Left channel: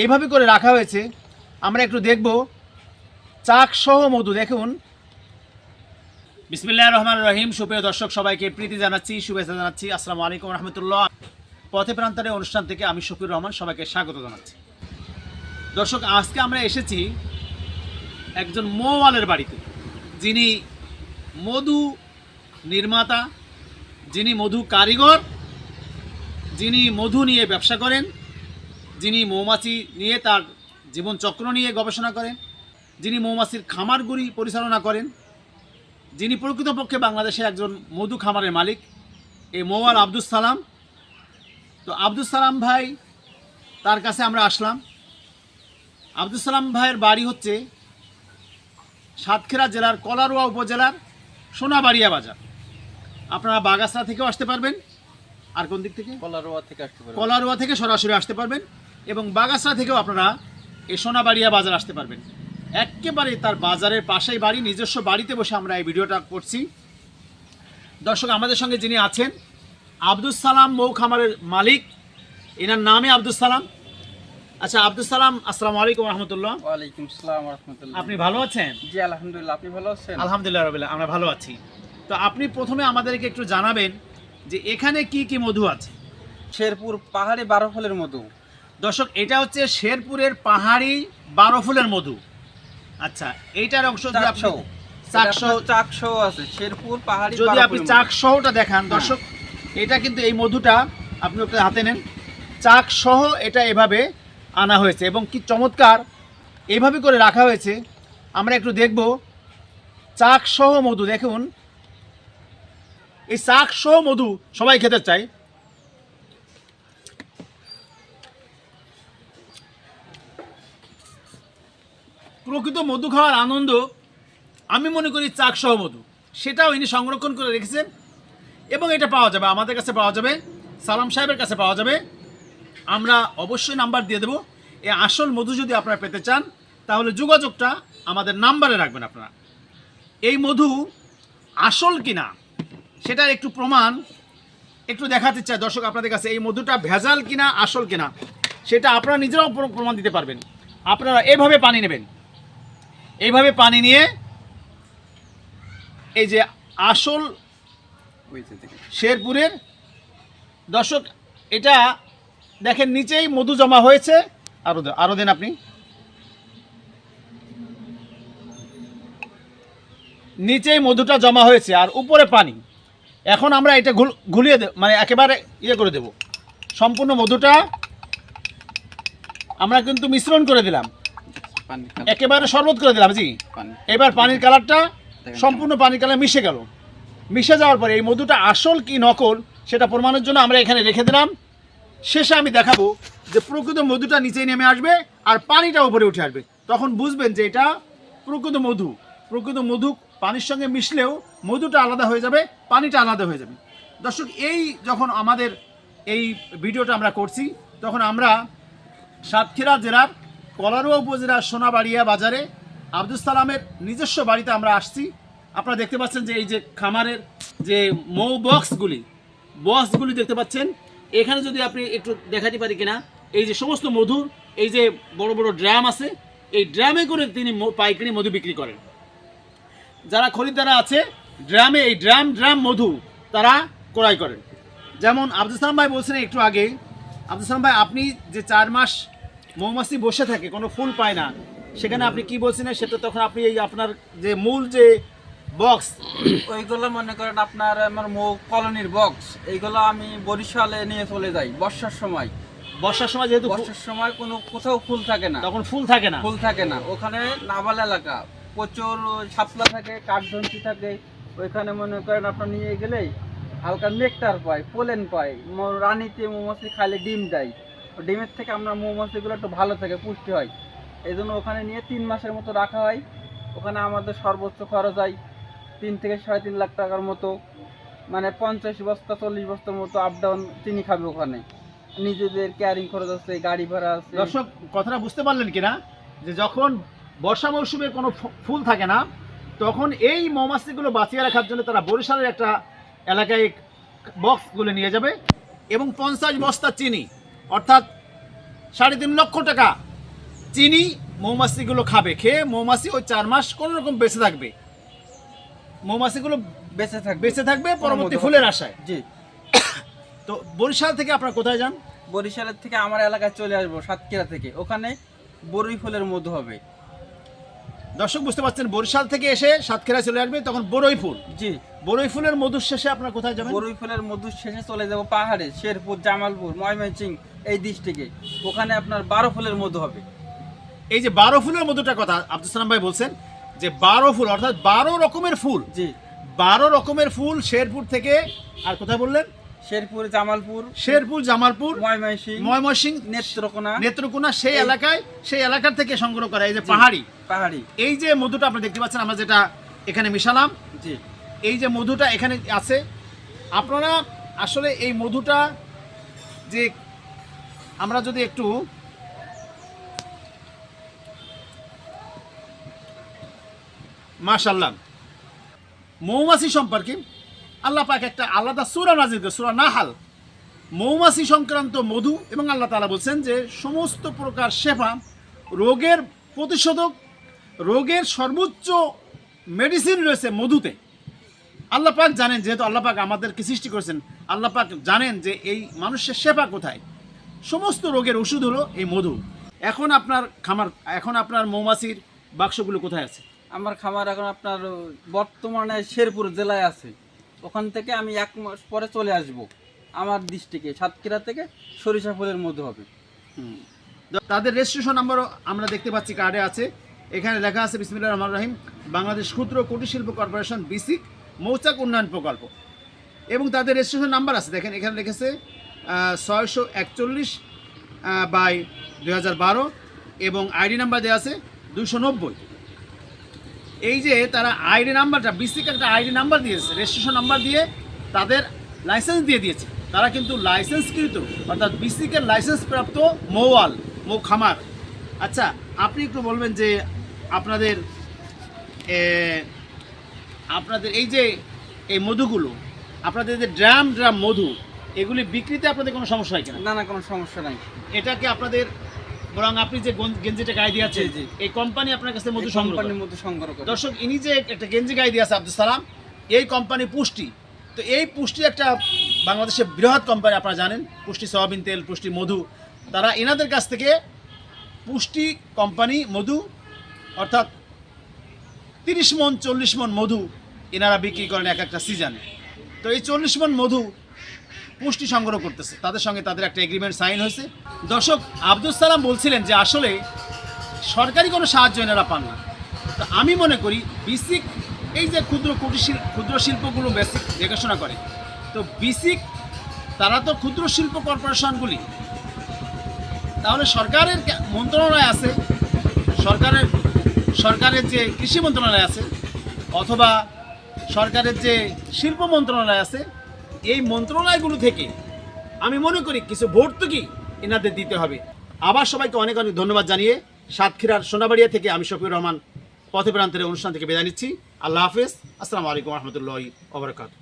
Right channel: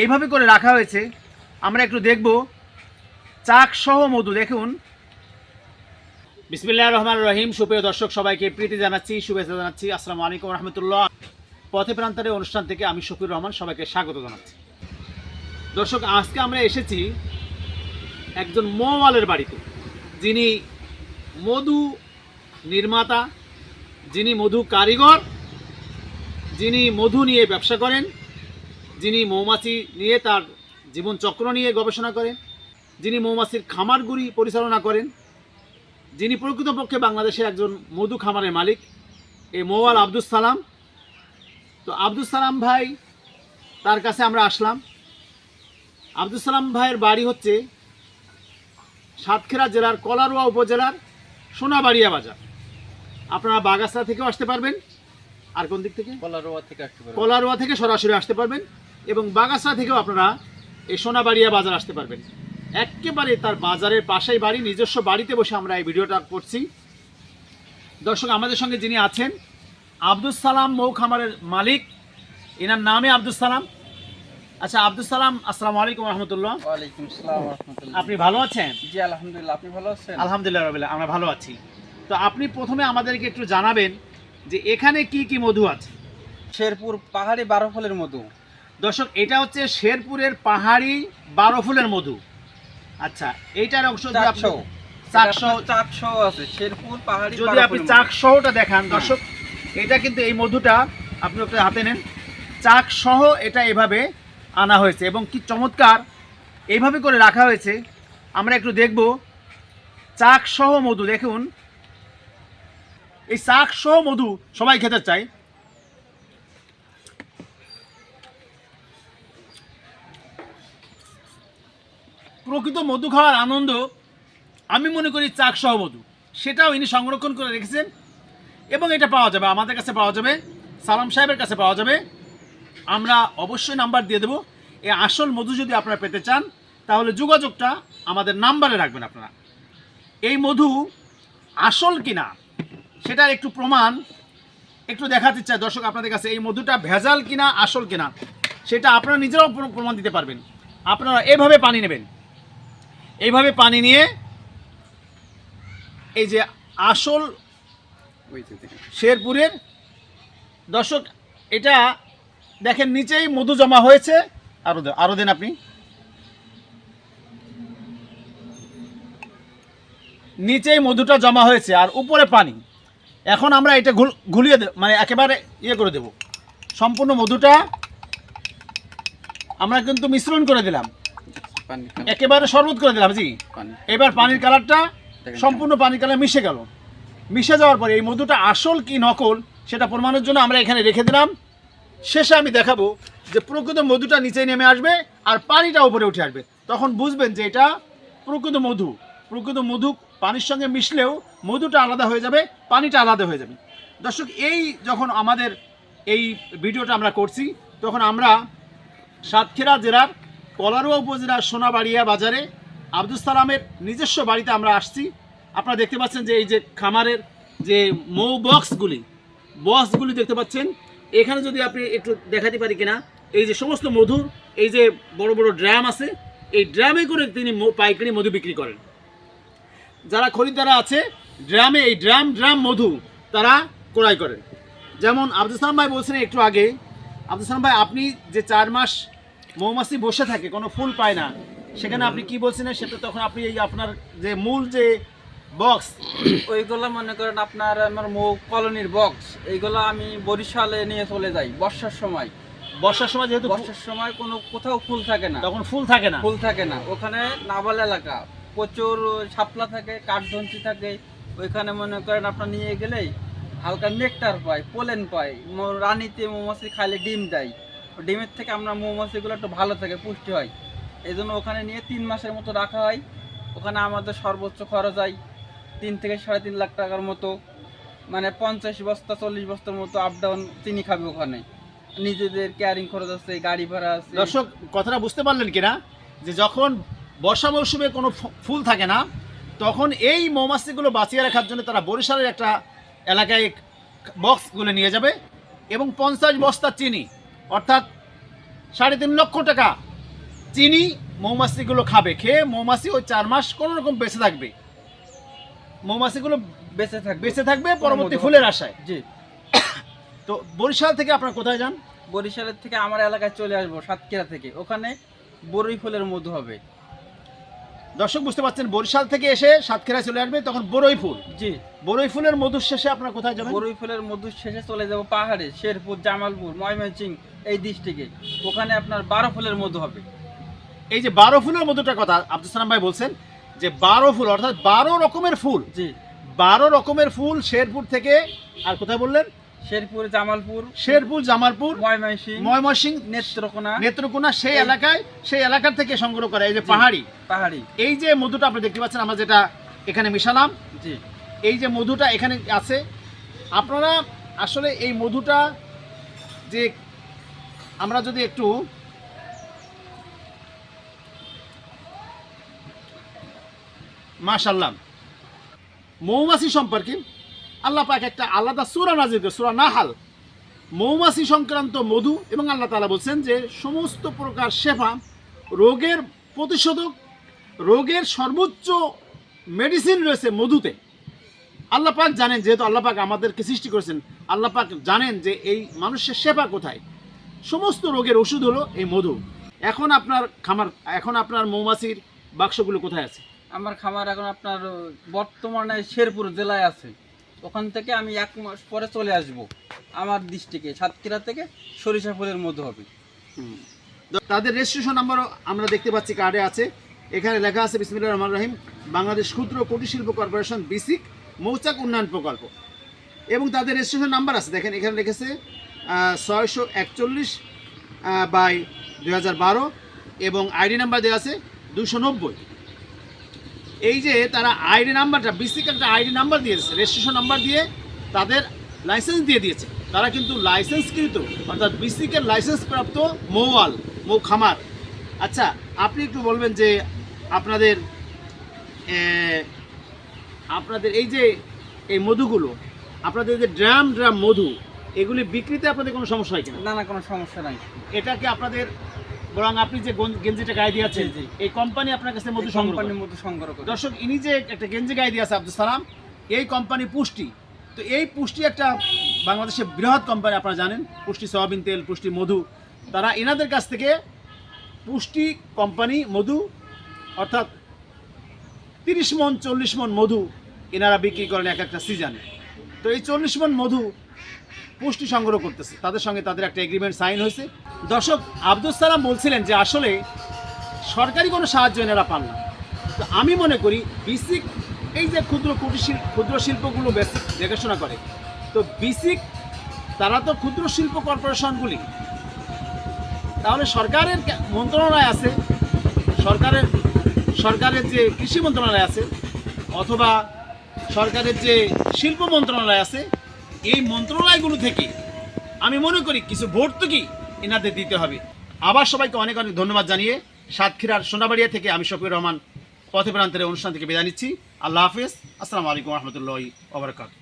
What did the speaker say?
এইভাবে করে রাখা হয়েছে। আমরা একটু দেখব চাক সহ মধু। দেখুন, বিসমিল্লাহির রহমানির রহিম। সুপ্রিয় দর্শক, সবাইকে প্রীতি জানাচ্ছি, শুভেচ্ছা জানাচ্ছি। আসসালামু আলাইকুম রহমতুল্লাহ। পথে প্রান্তরে অনুষ্ঠান থেকে আমি শফিউর রহমান সবাইকে স্বাগত জানাচ্ছি। দর্শক, আজকে আমরা এসেছি একজন মৌওয়ালের বাড়িতে, যিনি মধু নির্মাতা, যিনি মধু কারিগর, যিনি মধু নিয়ে ব্যবসা করেন, যিনি মৌমাছি নিয়ে তার জীবনচক্র নিয়ে গবেষণা করেন, যিনি মৌমাছির খামারগুলি পরিচালনা করেন, যিনি প্রকৃতপক্ষে বাংলাদেশের একজন মধু খামারের মালিক, এই মৌওয়াল আব্দুস সালাম। তো আব্দুস সালাম ভাই, তার কাছে আমরা আসলাম। আব্দুস সালাম ভাইয়ের বাড়ি হচ্ছে সাতক্ষীরা জেলার কলারোয়া উপজেলার সোনাবাড়িয়া বাজার। আপনারা বাগাসরা থেকেও আসতে পারবেন, আর কোন দিক থেকে? কলারোয়া থেকে সরাসরি আসতে পারবেন, এবং বাগাসরা থেকেও আপনারা এই সোনাবাড়িয়া বাজার আসতে পারবেন। একেবারে তার বাজারের পাশেই বাড়ি, নিজস্ব বাড়িতে বসে আমরা এই ভিডিওটা করছি। দর্শক, আমাদের সঙ্গে যিনি আছেন আব্দুস সালাম মৌ খামারের মালিক, এনার নামে আব্দুস সালাম। আচ্ছা আব্দুস সালাম, আসসালামু আলাইকুম রহমতুল্লাহ। ওয়ালাইকুম আসসালাম রাহমাতুল্লাহ। আপনি ভালো আছেন? জি আলহামদুলিল্লাহ, আপনি ভালো আছেন? আলহামদুলিল্লাহ রাব্বিল আলামিন, আমরা ভালো আছি। তো আপনি প্রথমে আমাদেরকে একটু জানাবেন যে এখানে কি কি মধু আছে? শেরপুর পাহাড়ি 12 ফলের মধু। দর্শক, এটা হচ্ছে শেরপুরের পাহাড়ি 12 ফুলের মধু। আচ্ছা, এইটার অংশ যদি আপনি চাকসহ আছে, শেরপুর পাহাড়ি যদি 12 আপনি ফুলের চাক সহটা দেখান দর্শক, এটা কিন্তু এই মধুটা আপনি ওকে হাতে নেন, চাক সহ এটা এভাবে আনা হয়েছে এবং কি চমৎকার এইভাবে করে রাখা হয়েছে। আমরা একটু দেখব চাক সহ মধু। দেখুন, এই চাক সহ মধু সবাই খেতে চায়। প্রকৃত মধু খাওয়ার আনন্দ আমি মনে করি চাক সহ মধু, সেটাও ইনি সংরক্ষণ করে রেখেছেন এবং এটা পাওয়া যাবে, আমাদের কাছে পাওয়া যাবে, সালাম সাহেবের কাছে পাওয়া যাবে। আমরা অবশ্যই নাম্বার দিয়ে দেবো। এই আসল মধু যদি আপনারা পেতে চান তাহলে যোগাযোগটা আমাদের নাম্বারে রাখবেন। আপনারা এই মধু আসল কিনা সেটার একটু প্রমাণ একটু দেখাতে চাই দর্শক আপনাদের কাছে। এই মধুটা ভেজাল কিনা আসল কিনা সেটা আপনারা নিজেরাও প্রমাণ দিতে পারবেন। আপনারা এইভাবে পানি নেবেন, এইভাবে পানি নিয়ে এই যে আসল শেরপুরের, দর্শক এটা দেখেন নিচেই মধু জমা হয়েছে। আরো দেন আপনি, নিচেই মধুটা জমা হয়েছে আর উপরে পানি। এখন আমরা এটা ঘুলিয়ে মানে একেবারে ইয়ে করে দেব। সম্পূর্ণ মধুটা আমরা কিন্তু মিশ্রণ করে দিলাম, একেবারে শরবত করে দিলাম। জি, এবার পানির কালারটা সম্পূর্ণ পানির কালার মিশে গেল। মিশে যাওয়ার পরে এই মধুটা আসল কি নকল সেটা প্রমাণের জন্য আমরা এখানে রেখে দিলাম। শেষে আমি দেখাবো যে প্রকৃত মধুটা নিচে নেমে আসবে আর পানিটা উপরে উঠে আসবে, তখন বুঝবেন যে এটা প্রকৃত মধু। প্রকৃত মধু পানির সঙ্গে মিশলেও মধুটা আলাদা হয়ে যাবে, পানিটা আলাদা হয়ে যাবে। দর্শক, এই যখন আমাদের এই ভিডিওটা আমরা করছি তখন আমরা সাতক্ষীরা জেলার কলারোয়া উপজেলার সোনাবাড়িয়া বাজারে আব্দুস সালামের নিজস্ব বাড়িতে আমরা আসছি। আপনারা দেখতে পাচ্ছেন যে এই যে খামারের যে মৌ বক্সগুলি দেখতে পাচ্ছেন। এখানে যদি আপনি একটু দেখাতে পারি কিনা, এই যে সমস্ত মধুর এই যে বড় বড় ড্রাম আছে, এই ড্রামে করে তিনি পাইকারি মধু বিক্রি করেন। যারা খরিদ্দারা আছে ড্রামে, এই ড্রাম মধু তারা ক্রয় করেন। যেমন আব্দুস সালাম ভাই বলছেন একটু আগে, আব্দুস সালাম ভাই আপনি যে 4 মাস মৌমাছি বসে থাকে কোনো ফুল পায় না, সেখানে আপনি কি বলছিলেন সেটা তখন আপনি এই আপনার যে মূল যে বক্স, ওইগুলো মনে করেন আপনার আমার মৌ কলোনির বক্স, এইগুলো আমি বরিশালে নিয়ে চলে যাই বর্ষার সময়। যেহেতু বর্ষার সময় কোথাও ফুল থাকে না, তখন ফুল থাকে না। ওখানে নাবাল এলাকা, প্রচুর শাপলা থাকে, কাঠধন্তি থাকে। ওইখানে মনে করেন আপনার নিয়ে গেলেই হালকা নেকটার পায়, পোলেন পায়। রানীতে মৌমাছি খাইলে ডিম দেয়, ডিমের থেকে আমরা মৌমাছিগুলো একটু ভালো থাকে, পুষ্টি হয়। এই জন্য ওখানে নিয়ে 3 মাসের মতো রাখা হয়। ওখানে আমাদের সর্বোচ্চ খরচ হয় 3 থেকে 3.5 লাখ টাকার মতো, মানে 50 বস্তা 40 বস্তার মতো আপ ডাউন চিনি খাবে ওখানে। নিজেদের ক্যারিং খরচ আছে, গাড়ি ভাড়া আছে। দর্শক, কথাটা বুঝতে পারলেন কিনা যে যখন বর্ষা মৌসুমে কোনো ফুল থাকে না তখন এই মৌমাছিগুলো বাঁচিয়ে রাখার জন্য তারা বরিশালের একটা এলাকায় বক্সগুলো নিয়ে যাবে এবং 50 বস্তা চিনি, অর্থাৎ 3.5 লক্ষ টাকা চিনি মৌমাছিগুলো খাবে, খেয়ে মৌমাছি ওই 4 মাস কোনো রকম বেঁচে থাকবে, মৌমাছিগুলো বেঁচে থাকবে পরবর্তী ফুলের আশায়। জি। তো বরিশাল থেকে আপনারা কোথায় যান? বরিশালের থেকে আমার এলাকায় চলে আসবো সাতক্ষীরা থেকে, ওখানে বরই ফুলের মধু হবে। দর্শক বুঝতে পারছেন, বরিশাল থেকে এসে সাতক্ষীরায় চলে আসবে, তখন বরই ফুল। জি। বরই ফুলের মধুর শেষে আপনারা কোথায় যাবেন? বরই ফুলের মধু শেষে চলে যাব পাহাড়ে, শেরপুর, জামালপুর, ময়মনসিংহ এই ডিস্ট্রিক্টে, ওখানে আপনার 12 ফুলের মধু হবে। এই যে 12 ফুলের মধুটার কথা আব্দুল সালাম ভাই বলছেন, যে 12 ফুল অর্থাৎ 12 রকমের ফুল। জি। 12 রকমের ফুল শেরপুর থেকে, আর কোথায় বললেন? শেরপুর, জামালপুর, ময়মনসিংহ, নেত্রকোনা সেই এলাকার থেকে সংগ্রহ করা। এই যে পাহাড়ি এই যে মধুটা আপনি দেখতে পাচ্ছেন, আমরা যেটা এখানে মিশালাম, জি, এই যে মধুটা এখানে আছে, আপনারা আসলে এই মধুটা যে আমরা যদি একটু মাশাআল্লাহ, মৌমাছি সম্পর্কে আল্লাহ পাক একটা আলাদা সূরা নাযিল করেছেন, সূরা নাহাল, মৌমাছি সংক্রান্ত মধু, এবং আল্লাহ তাআলা বলছেন যে সমস্ত প্রকার শেফা, রোগের প্রতিষেধক, রোগের সর্বোচ্চ মেডিসিন রয়েছে মধুতে। আল্লাহ পাক জানেন, যেহেতু আল্লাহ পাক আমাদেরকে সৃষ্টি করেছেন, আল্লাহ পাক জানেন যে এই মানুষের শেফা কোথায়, সমস্ত রোগের ওষুধ হলো এই মধু। এখন আপনার মৌমাছির বাক্সগুলো কোথায় আছে? আমার খামার এখন আপনার বর্তমানে শেরপুর জেলায় আছে, ওখান থেকে আমি 1 মাস পরে চলে আসব আমার ডিস্ট্রিক্টে, সাতক্ষীরা থেকে সরিষা ফুলের মধু হবে। তাদের রেজিস্ট্রেশন নাম্বারও আমরা দেখতে পাচ্ছি কার্ডে আছে, এখানে লেখা আছে বিসমিল্লাহির রহমানির রহিম, বাংলাদেশ ক্ষুদ্র কুটির শিল্প কর্পোরেশন বিসিক মৌচাক উন্নয়ন প্রকল্প, এবং তাদের রেজিস্ট্রেশন নাম্বার আছে, দেখেন এখানে লিখেছে 641/2012, এবং আইডি নাম্বার দেওয়া আছে 290। এই যে তারা আইডি নাম্বারটা, বিসিক একটা আইডি নাম্বার দিয়েছে, রেজিস্ট্রেশন নাম্বার দিয়ে তাদের লাইসেন্স দিয়ে দিয়েছে, তারা কিন্তু লাইসেন্সকৃত অর্থাৎ বিসিকের লাইসেন্স প্রাপ্ত মৌ খামার। আচ্ছা, আপনি একটু বলবেন যে আপনাদের এই যে এই মধুগুলো, আপনাদের যে ড্রাম মধু, এগুলি বিক্রিতে আপনাদের কোনো সমস্যা হয় কিনা? না, কোনো সমস্যা নাই। এটাকে আপনাদের, বরং আপনি যে গেঞ্জিটা গায়ে দিয়ে আছেন, এই কোম্পানি আপনার কাছে মধু সংগ্রহ করে। দর্শক, ইনি যে একটা গেঞ্জি গায়ে দিয়ে আছে আব্দুল সালাম, এই কোম্পানি পুষ্টি। তো এই পুষ্টি একটা বাংলাদেশের বৃহৎ কোম্পানি, আপনারা জানেন, পুষ্টি সয়াবিন তেল, পুষ্টি মধু, তারা এনাদের কাছ থেকে পুষ্টি কোম্পানি মধু অর্থাৎ 30 মণ 40 মণ মধু এনারা বিক্রি করেন একটা সিজনে। তো এই 40 মণ মধু পুষ্টি সংগ্রহ করতেছে, তাদের সঙ্গে তাদের একটা এগ্রিমেন্ট সাইন হয়েছে। দর্শক, আব্দুল সালাম বলছিলেন যে আসলে সরকারি কোনো সাহায্য এনারা পান না। তো আমি মনে করি বিসিক এই যে ক্ষুদ্র শিল্পগুলো বেসিক দেখাশোনা করে, তো বিসিক তারা তো ক্ষুদ্র শিল্প কর্পোরেশনগুলি, তাহলে সরকারের মন্ত্রণালয় আছে, সরকারের যে কৃষি মন্ত্রণালয় আছে, অথবা সরকারের যে শিল্প মন্ত্রণালয় আছে, এই মন্ত্রণালয়গুলো থেকে আমি মনে করি কিছু ভর্তুকি এনাদের দিতে হবে। আবার সবাইকে অনেক অনেক ধন্যবাদ জানিয়ে সাতক্ষীরার সোনাবাড়িয়া থেকে আমি শফিউর রহমান পথে প্রান্তের অনুষ্ঠান থেকে বিদায় নিচ্ছি। আল্লাহ হাফেজ, আসসালামু আলাইকুম রহমতুল্লাহি ওয়া বারাকাতুহু।